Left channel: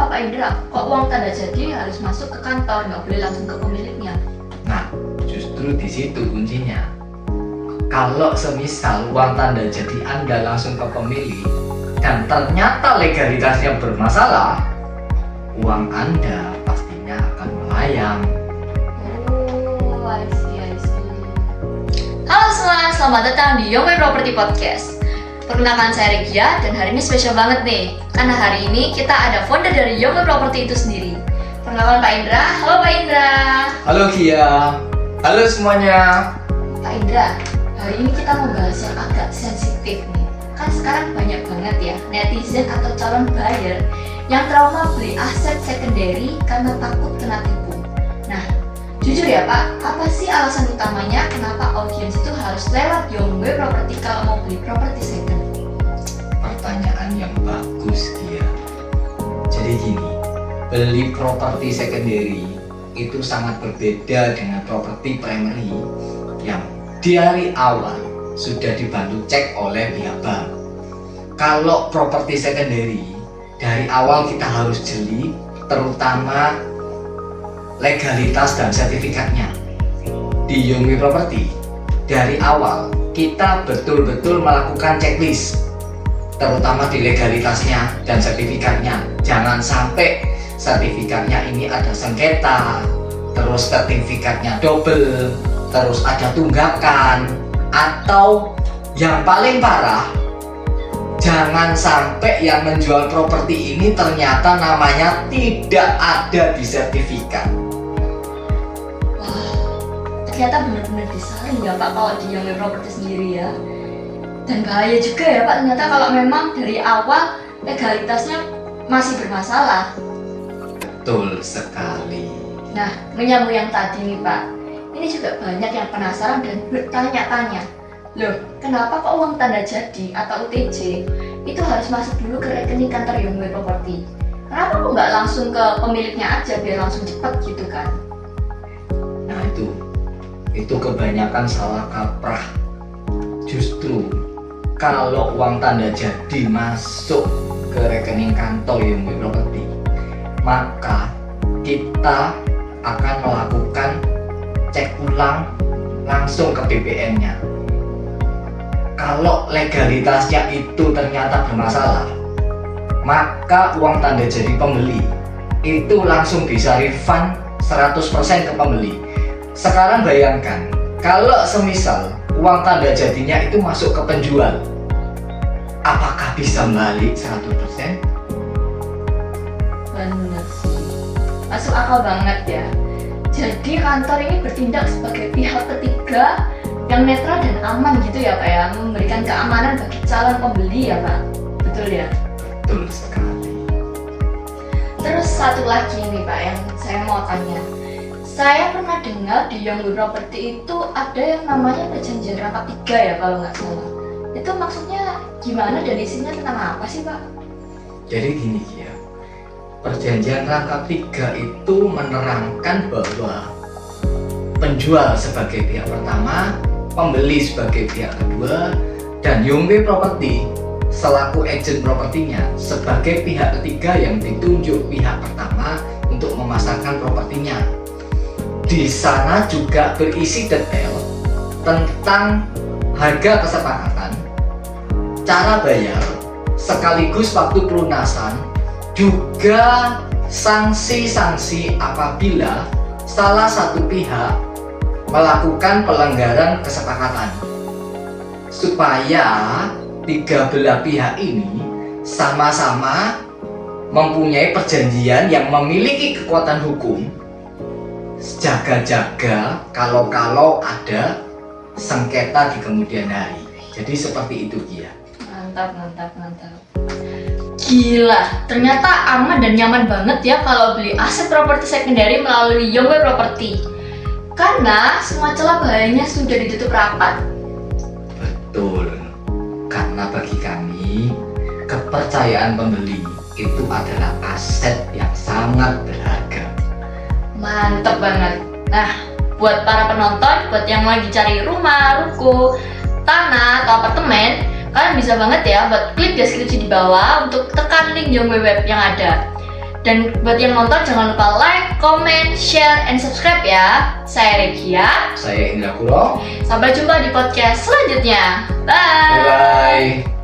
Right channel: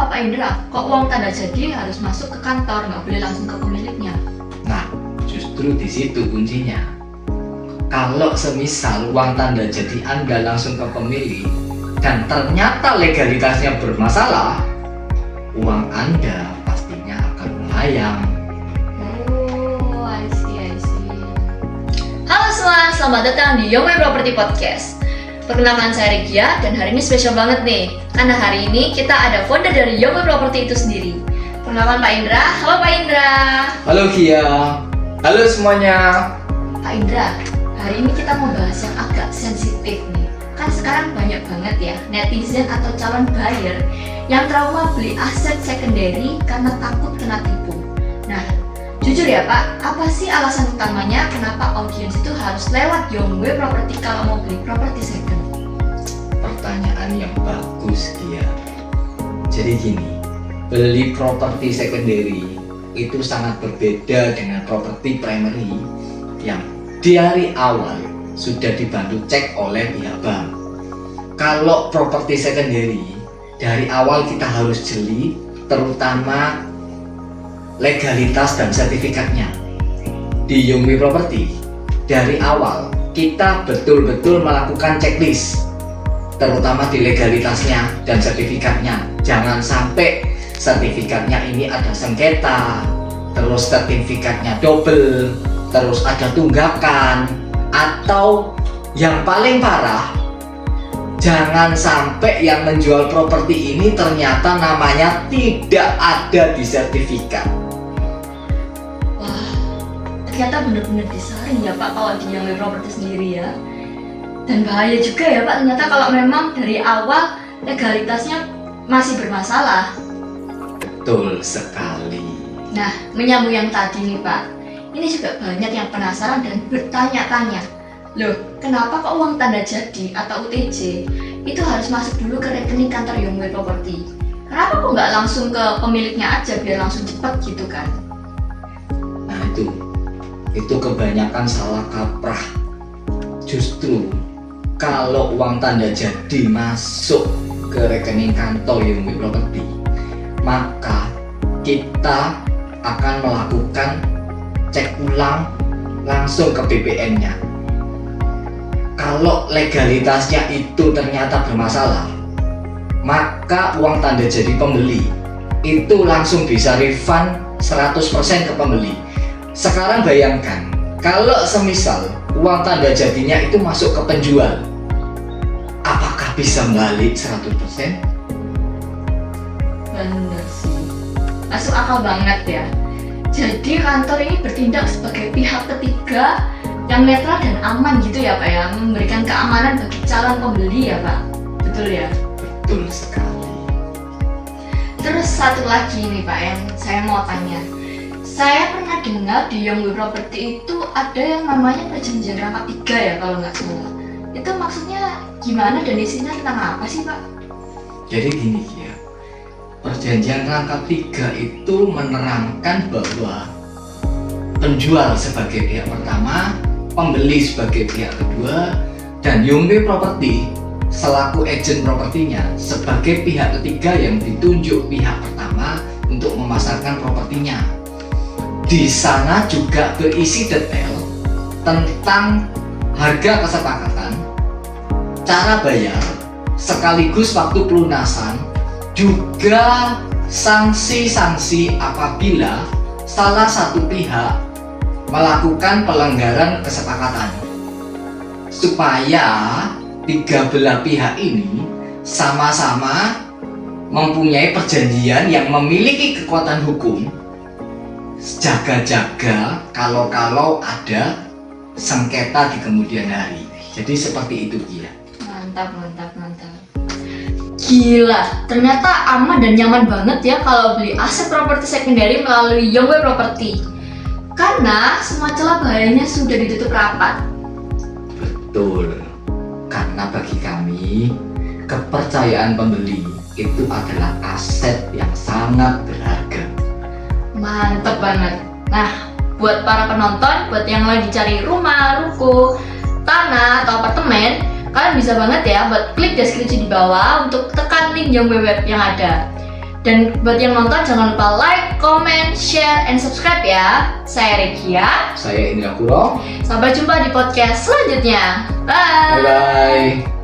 kenapa Pak Indra? Kok uang tanda jadi harus masuk ke kantor, nggak boleh langsung ke pemiliknya? Nah, justru di situ kuncinya. Kalau semisal uang tanda jadi Anda langsung ke pemilik dan ternyata legalitasnya bermasalah, uang Anda pastinya akan melayang. Oh, I see. Halo semua, selamat datang di Young Property Podcast. Perkenalkan saya Regia dan hari ini spesial banget nih, karena hari ini kita ada founder dari Young Property itu sendiri. Perkenalkan Pak Indra. Halo Pak Indra. Halo Kia. Halo semuanya. Pak Indra, hari ini kita mau bahas yang agak sensitif nih. Kan sekarang banyak banget ya netizen atau calon buyer yang trauma beli aset secondary karena takut kena tipu. Nah, jujur ya Pak, apa sih alasan utamanya kenapa audiens itu harus lewat Yongwe Property kalau mau beli properti second? Pertanyaan yang bagus, Kia. Jadi gini, beli properti secondary itu sangat berbeda dengan properti primary yang dari awal sudah dibantu cek oleh pihak bank. Kalau properti secondary, dari awal kita harus jeli, terutama legalitas dan sertifikatnya. Di Yongwe Property, dari awal kita betul-betul melakukan checklist, terutama di legalitasnya dan sertifikatnya. Jangan sampai sertifikatnya ini ada sengketa, terus sertifikatnya double, terus ada tunggakan, atau yang paling parah, jangan sampai yang menjual properti ini ternyata namanya tidak ada di sertifikat. Wah, ternyata benar-benar disaring ya Pak kalau di Yongwe Property sendiri ya. Dan bahaya juga ya Pak, ternyata kalau memang dari awal legalitasnya masih bermasalah. Betul sekali. Nah, menyambung yang tadi nih Pak, ini juga banyak yang penasaran dan bertanya-tanya, loh kenapa kok uang tanda jadi atau UTJ itu harus masuk dulu ke rekening kantor Yongwe Property? Kenapa kok nggak langsung ke pemiliknya aja biar langsung cepat gitu kan? Nah itu kebanyakan salah kaprah. Justru kalau uang tanda jadi masuk ke rekening kantor Yongwe Property, maka kita akan melakukan cek ulang langsung ke BPN-nya. Kalau legalitasnya itu ternyata bermasalah, maka uang tanda jadi pembeli itu langsung bisa refund 100% ke pembeli. Sekarang bayangkan, kalau semisal uang tanda jadinya itu masuk ke penjual, apakah bisa balik 100%? Bener sih, masuk akal banget ya. Jadi kantor ini bertindak sebagai pihak ketiga yang netral dan aman gitu ya Pak ya, memberikan keamanan bagi calon pembeli ya Pak, betul ya? Betul sekali. Terus satu lagi nih Pak yang saya mau tanya, saya pernah dengar di Yongwe Property itu ada yang namanya perjanjian rangkap 3 ya kalau nggak salah. Itu maksudnya gimana dan isinya tentang apa sih Pak? Jadi gini ya, perjanjian rangkap 3 itu menerangkan bahwa penjual sebagai pihak pertama, pembeli sebagai pihak kedua, dan Yongwe Property selaku agen propertinya sebagai pihak ketiga yang ditunjuk pihak pertama untuk memasarkan propertinya. Di sana juga berisi detail tentang harga kesepakatan, cara bayar, sekaligus waktu pelunasan, juga sanksi-sanksi apabila salah satu pihak melakukan pelanggaran kesepakatan, supaya tiga belah pihak ini sama-sama mempunyai perjanjian yang memiliki kekuatan hukum, jaga-jaga kalau ada sengketa di kemudian hari. Jadi seperti itu Kia. Mantap. Gila, ternyata aman dan nyaman banget ya kalau beli aset properti secondary melalui Yongwe Property. Karena semua celah bahayanya sudah ditutup rapat. Betul. Karena bagi kami, kepercayaan pembeli itu adalah aset yang sangat berharga. Mantap banget. Nah, buat para penonton, buat yang lagi cari rumah, ruko, tanah, atau apartemen, kalian bisa banget ya buat klik deskripsi di bawah untuk tekan link Yongwe Web yang ada. Dan buat yang nonton jangan lupa like, comment, share, and subscribe ya. Saya Regia. Saya Indra Kuro. Sampai jumpa di podcast selanjutnya. Bye. Bye-bye.